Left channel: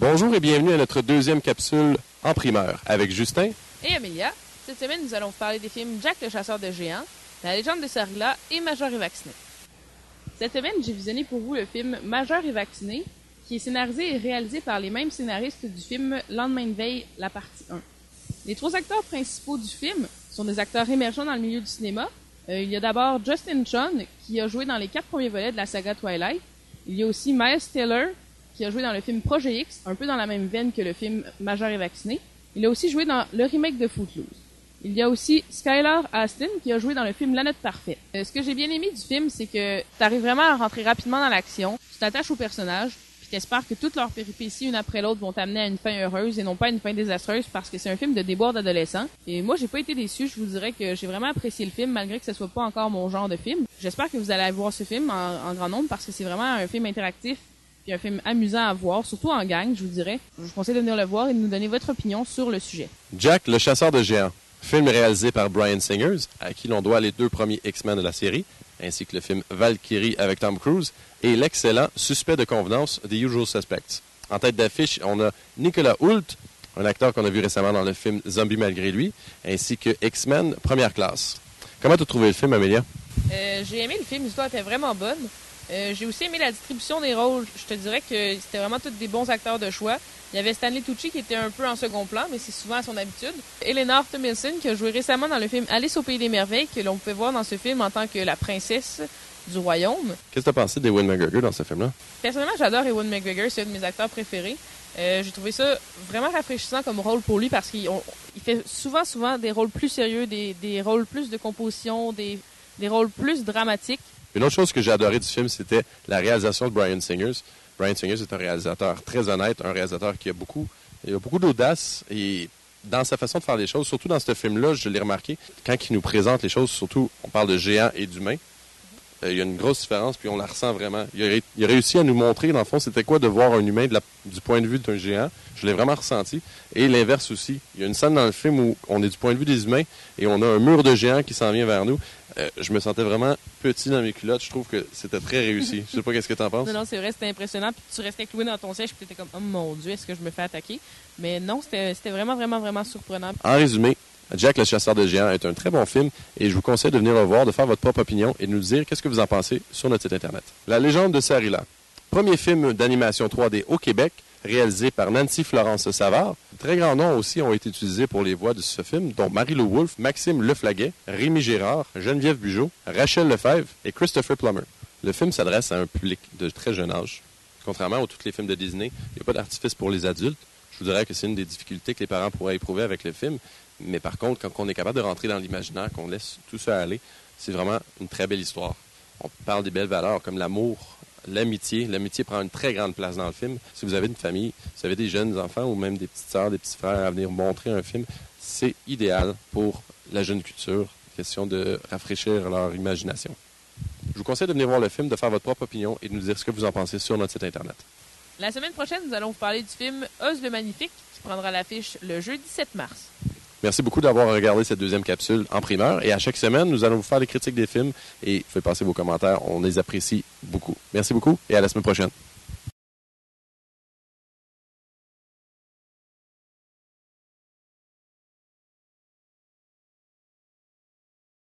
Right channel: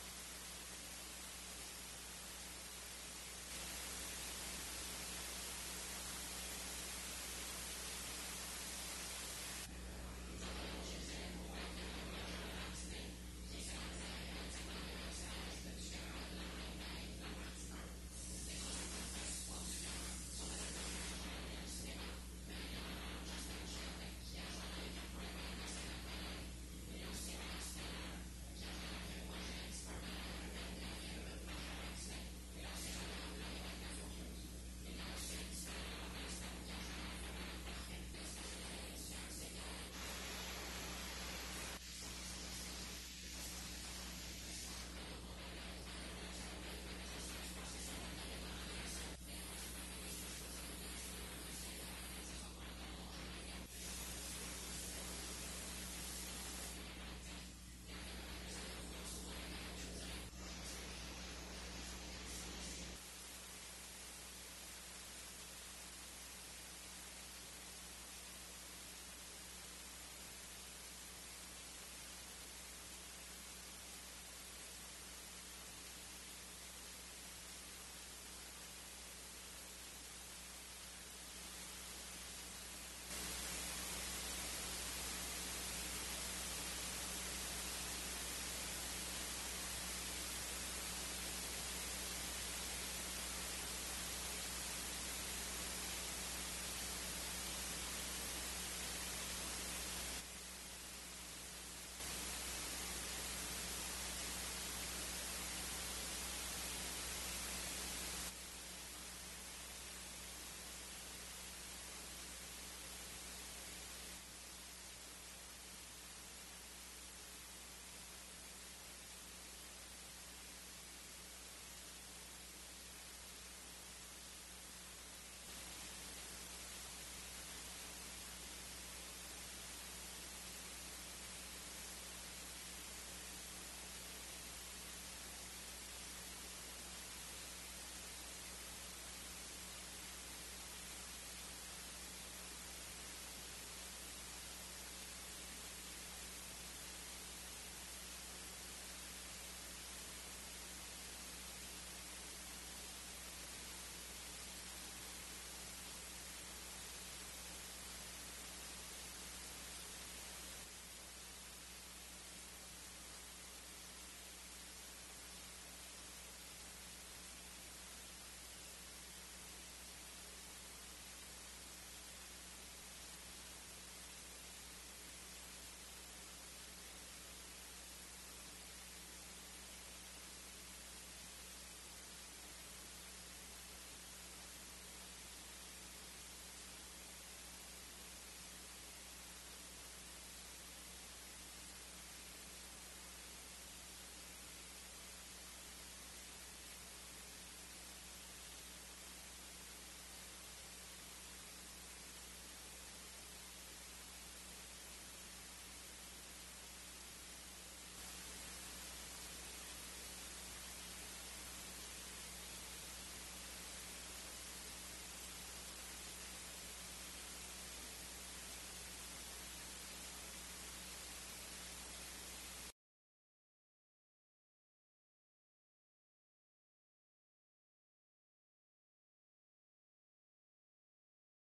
Bonjour et bienvenue à notre deuxième capsule en primeur avec Justin et Amélia. Cette semaine, nous allons vous parler des films Jack le chasseur de géants, La légende de Sarilla et Majeur et vacciné. Cette semaine, j'ai visionné pour vous le film Majeur et vacciné, qui est scénarisé et réalisé par les mêmes scénaristes du film Lendemain de veille, la partie 1. Les trois acteurs principaux du film sont des acteurs émergents dans le milieu du cinéma. Il y a d'abord Justin Chon, qui a joué dans les 4 premiers volets de la saga Twilight. Il y a aussi Miles Teller, qui a joué dans le film Projet X, un peu dans la même veine que le film Majeur et vacciné. Il a aussi joué dans le remake de Footloose. Il y a aussi Skylar Astin, qui a joué dans le film La Note Parfaite. Ce que j'ai bien aimé du film, c'est que tu arrives vraiment à rentrer rapidement dans l'action, tu t'attaches aux personnages, puis t'espères que toutes leurs péripéties, une après l'autre, vont t'amener à une fin heureuse et non pas à une fin désastreuse, parce que c'est un film de déboire d'adolescents. Et moi, j'ai pas été déçu, je vous dirais que j'ai vraiment apprécié le film, malgré que ce soit pas encore mon genre de film. J'espère que vous allez voir ce film en grand nombre, parce que c'est vraiment un film interactif, puis un film amusant à voir, surtout en gang, je vous dirais. Je vous conseille de venir le voir et de nous donner votre opinion sur le sujet. Jack le chasseur de géants, film réalisé par Bryan Singer, à qui l'on doit les 2 premiers X-Men de la série, ainsi que le film Valkyrie avec Tom Cruise, et l'excellent Suspect de convenance The Usual Suspects. En tête d'affiche, on a Nicolas Hoult, un acteur qu'on a vu récemment dans le film Zombie malgré lui, ainsi que X-Men Première classe. Comment tu as trouvé le film, Amélia? J'ai aimé le film, l'histoire était vraiment bonne. J'ai aussi aimé la distribution des rôles. Je te dirais que c'était vraiment tous des bons acteurs de choix. Il y avait Stanley Tucci qui était un peu en second plan, mais c'est souvent à son habitude. Eleanor Tomlinson qui a joué récemment dans le film Alice au Pays des Merveilles, que l'on pouvait voir dans ce film en tant que la princesse du royaume. Qu'est-ce que tu as pensé d'Ewan McGregor dans ce film-là? Personnellement, j'adore Ewan McGregor, c'est un de mes acteurs préférés. J'ai trouvé ça vraiment rafraîchissant comme rôle pour lui parce qu'il fait souvent des rôles plus sérieux, des rôles plus de composition, des rôles plus dramatiques. Une autre chose que j'ai adoré du film, c'était la réalisation de Bryan Singer. Bryan Singer est un réalisateur très honnête, un réalisateur qui a beaucoup d'audace et dans sa façon de faire les choses, surtout dans ce film-là, je l'ai remarqué, quand il nous présente les choses, surtout on parle de géants et d'humains, il y a une grosse différence, puis on la ressent vraiment. Il a réussi à nous montrer, dans le fond, c'était quoi de voir un humain du point de vue d'un géant. Je l'ai vraiment ressenti. Et l'inverse aussi. Il y a une scène dans le film où on est du point de vue des humains et on a un mur de géants qui s'en vient vers nous. Je me sentais vraiment petit dans mes culottes. Je trouve que c'était très réussi. Je sais pas qu'est-ce que tu en penses. Non, c'est vrai, c'était impressionnant. Puis tu restais cloué dans ton siège, puis tu étais comme, oh mon Dieu, est-ce que je me fais attaquer? Mais non, c'était vraiment surprenant. En résumé, Jack le chasseur de géants est un très bon film et je vous conseille de venir le voir, de faire votre propre opinion et de nous dire qu'est-ce que vous en pensez sur notre site Internet. La légende de Sarilla. Premier film d'animation 3D au Québec, réalisé par Nancy Florence Savard. Très grands noms aussi ont été utilisés pour les voix de ce film, dont Marie-Lou Wolfe, Maxime Leflaguet, Rémi Girard, Geneviève Bugeaud, Rachel Lefebvre et Christopher Plummer. Le film s'adresse à un public de très jeune âge. Contrairement à tous les films de Disney, il n'y a pas d'artifice pour les adultes. Je vous dirais que c'est une des difficultés que les parents pourraient éprouver avec le film. Mais par contre, quand on est capable de rentrer dans l'imaginaire, qu'on laisse tout ça aller, c'est vraiment une très belle histoire. On parle des belles valeurs comme l'amour, l'amitié. L'amitié prend une très grande place dans le film. Si vous avez une famille, si vous avez des jeunes enfants ou même des petites sœurs, des petits frères à venir montrer un film, c'est idéal pour la jeune culture. Question de rafraîchir leur imagination. Je vous conseille de venir voir le film, de faire votre propre opinion et de nous dire ce que vous en pensez sur notre site Internet. La semaine prochaine, nous allons vous parler du film Oz le Magnifique, qui prendra l'affiche le jeudi 7 mars. Merci beaucoup d'avoir regardé cette deuxième capsule en primeur. Et à chaque semaine, nous allons vous faire des critiques des films et vous pouvez passer vos commentaires. On les apprécie beaucoup. Merci beaucoup et à la semaine prochaine.